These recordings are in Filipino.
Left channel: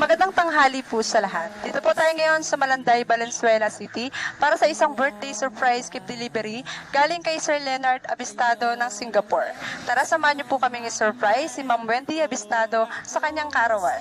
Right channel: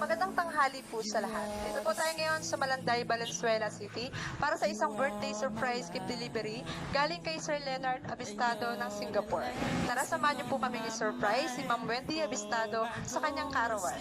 Magandang tanghali po sa lahat. Dito po tayo ngayon sa Malanday, Valenzuela City para sa isang birthday surprise gift delivery galing kay Sir Leonard Abistado ng Singapore. Tara, samahan niyo po kaming i-surprise si Ma'am Wendy Abistado sa kanyang karawan.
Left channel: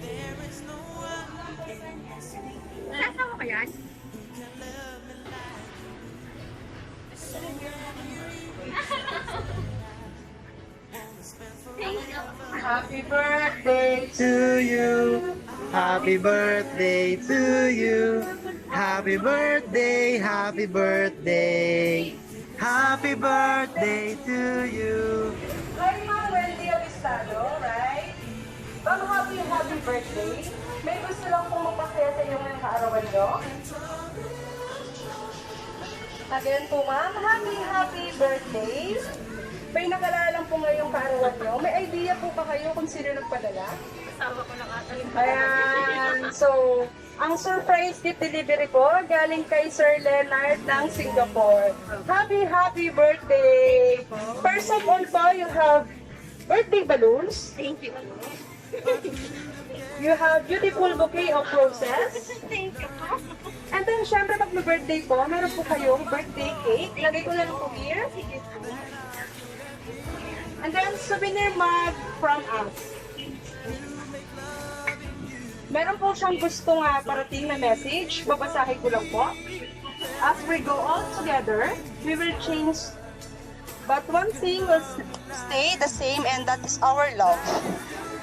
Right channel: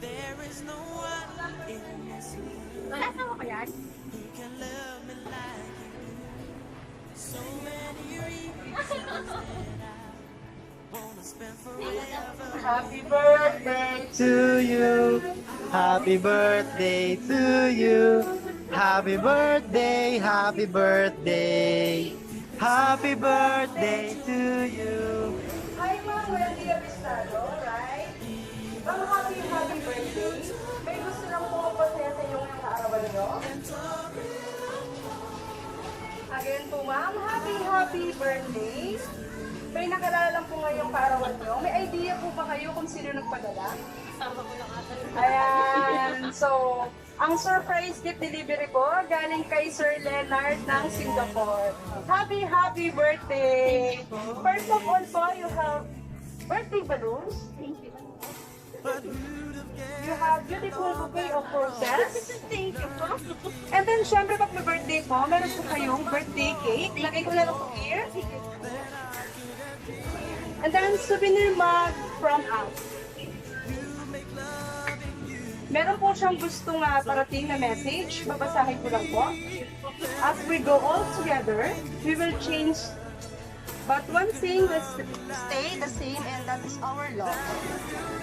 There is no one in this world Nasaan ko yan? who can love me like you do. So many reasons that I wanna spend forever. Happy birthday to you. Happy birthday to you. Happy birthday, happy birthday. Happy birthday to you. Hi, Ma'am Wendy Abistado, right? Ma'am, happy birthday. May gusto lang po magpasaya sa inyo ngayong kaarawan nyo. Again po, Ma'am, happy birthday. May nakalala lang po ngayong kaarawan nyo. May idea po ba kayo kung sino nagpadala? Kasama ko lang ata yung Ayan, so, ang surprise gift delivery po galing kay Sir Leonard ng Singapore. Happy birthday! First of all po, you have birthday balloons. Thank you. You have beautiful bouquet of roses. Thank you po. And then, syempre, pag may birthday po, meron po kayong birthday cake. Lagay ko na lang po here. And then, souvenir mug from us. Meron po siyang gustong parating na message. Babasahin ko lang po. As we go all together, we will change. But one thing will stay the same, and that is our love.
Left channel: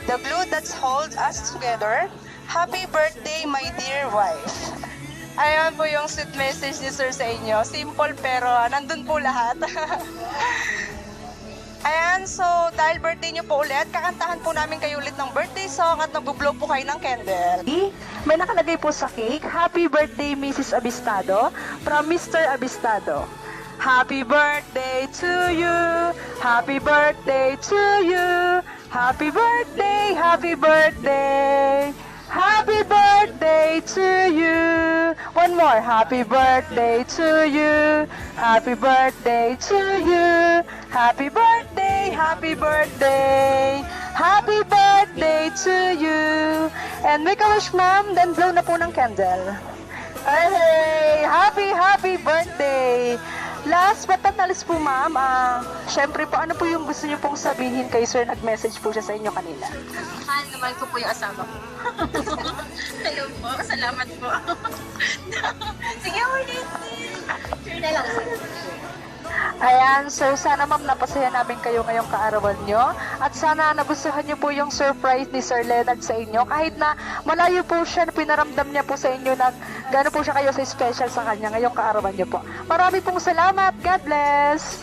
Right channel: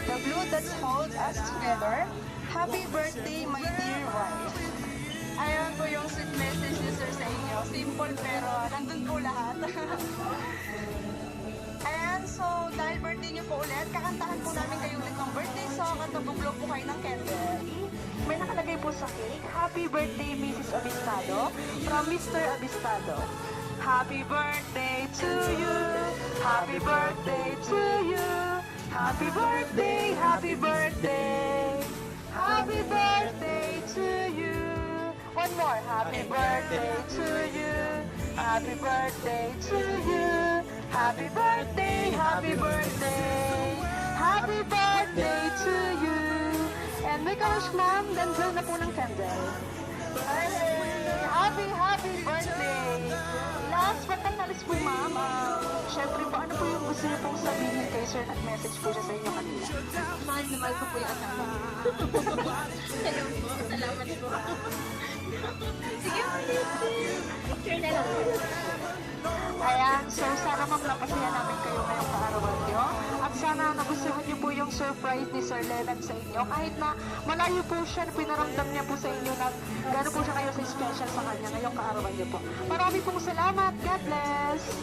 The glue that holds us together. Happy birthday, my dear wife. Ayan po yung sweet message ni Sir sa inyo. Simple pero nandun po lahat. Ayan, so dahil birthday niyo po ulit, kakantahan po namin kayo ulit ng birthday song at nag-blow po kayo ng candle. May nakalagay po sa cake, Happy birthday Mrs. Abistado from Mr. Abistado. Happy birthday to you, happy birthday to you, happy birthday, happy birthday, happy birthday to you. One more, happy birthday to you, happy birthday to you, happy birthday, happy birthday, happy birthday to you. And make a wish, ma'am, then blow na po ng candle. Hey, happy birthday! Last but not least po, ma'am, syempre po, ano po yung gusto niyo pong sabihin kay sir? Nag-message po siya sa inyo kanina. Mahal na mahal ko po yung asawa ko. Ayun po, salamat po. Sige, ulit. Sure na lang. Ayan, sir, sana ma'am napasaya namin kayo ngayong kaarawan nyo. At sana nagustuhan niyo po yung surprise ni Sir Leonard sa inyo. Kahit na malayo po siya, pinaramdam niya po sa inyo na gano'n po siya kayo sa special sa kanya ngayong kaarawan nyo po. Marami pong salamat. God bless!